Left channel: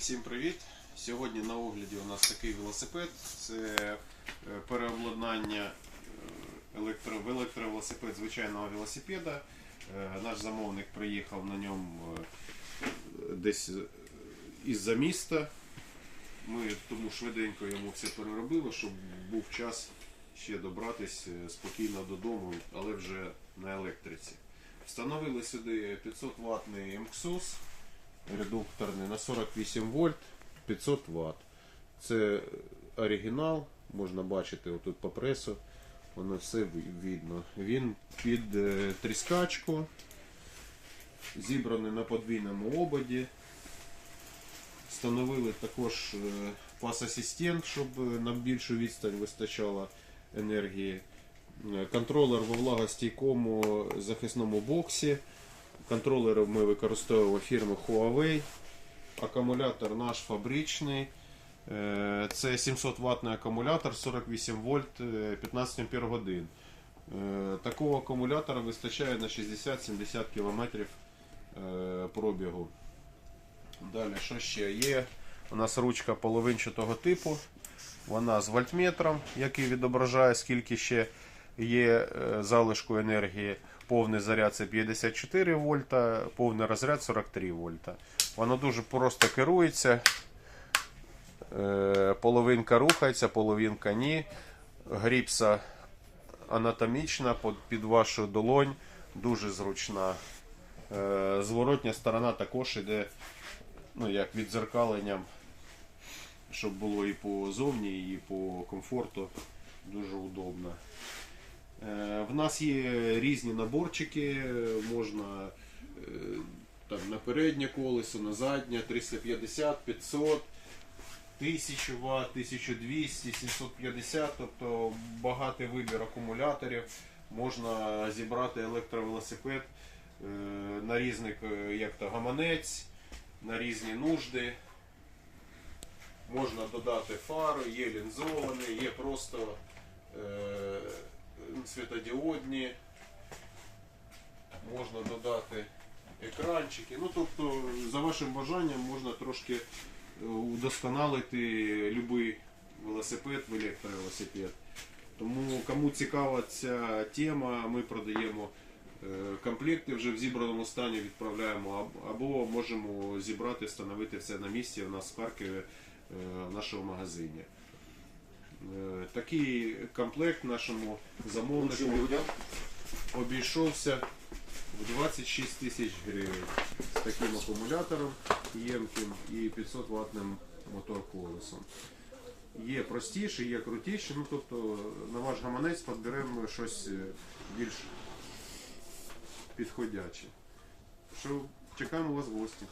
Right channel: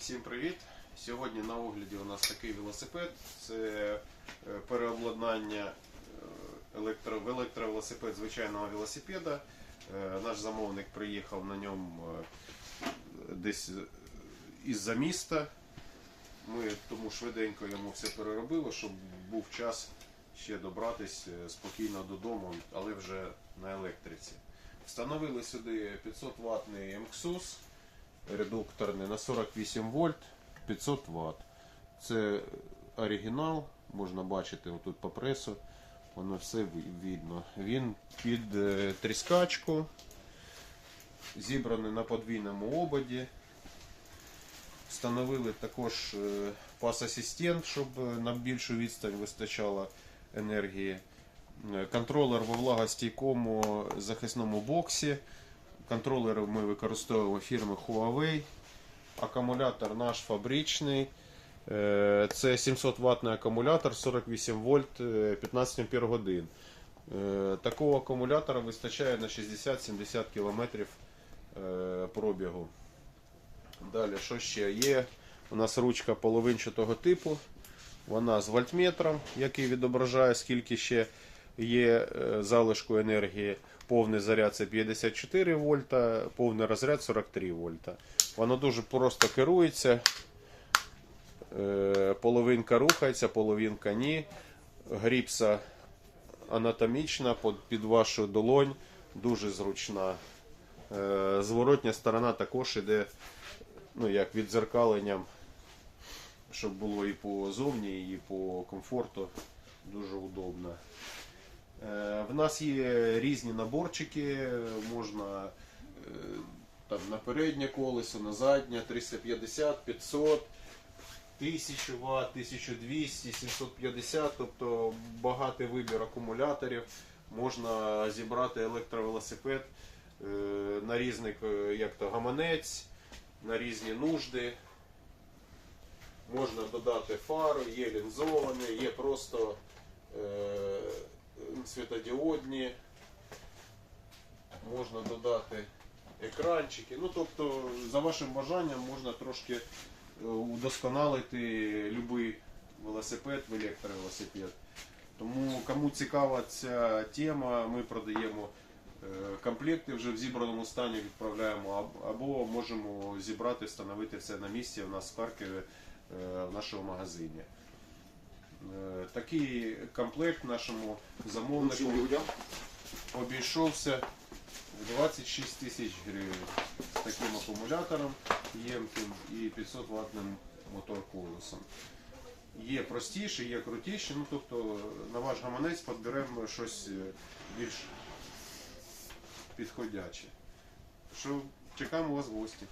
Всім привіт! Сьогодні на огляді у нас такий велосипед. Це е, переобладнання е, електро, в електровелосипед звичайного велосипеда. Е, Наш замовник приїхав на ньому десь із-за міста. Ми тому швиденько йому все переробили, щоб був час ще добратись е, спокійно додому, але вже на електриці. Встановили сюди 500 ватний МКСУС редукторний на 48 вольт 500 Вт. Це оригінал, можна бачити отут по пресу, воно все видно. Він під е, тріскачку, зібраний на подвійному ободі. Встановили також е, пас-асистент, щоб е, на більшу відстань вистачало енергії. Е, Контролер во влагостійкому захисному боксі. Контролери ми використовуємо фірми Huawei. Акумулятор наш фабричний. Е, Це 700 ваттний акумулятор 48 вольт е, 15 ампер годин. Е, Такого акумулятора вистачає на 60-70 км пробігу. Далі, що ще є? У нас ручка половинчатого типу. Вона з вольтметром, який відображає, скільки ще є е, залишку енергії. Повний заряд це 54 вольта, повний розряд 43 вольта. Воно дуже просто керується. Е, Половинка рухається, половинка ні. Гріпса анатомічна під- вашу долонь, дуже зручна. Е, Зворотня сторона також іде ну, як відзеркаленням, щоб було і по зовні, і по комфорту. Дуже удобно. Е, В нас є різні наборчики, можна е, там, на переднє колесо, на заднє 350, 500, 1000 Вт, 1200, 750, тобто багатий вибір акумуляторів. Можна зібрати електровелосипед е, на різних, як то гаманець, на різні нужди. Можна додати фари, є лінзовані, є просто світодіодні. Можна додати екранчики. Ну, тобто, за вашим бажанням можна трошки е, удосконалити будь-який велосипед в електровелосипед. Тому кому цікава ця тема, ми продаємо е, комплекти вже в зібраному стані відправляємо або можемо зібрати, встановити все на місці у нас в Харкові е, в нашому магазині. Е, Такий комплект нашому замовнику людям. обійшовся в 26 тисяч гривень з таким акумулятором ємким і 500 ватним мотор-колесом. Є простіше, є крутіше, ну тобто на ваш гаманець підберемо щось е, більш підходяче. Що чекаємо вас в гості.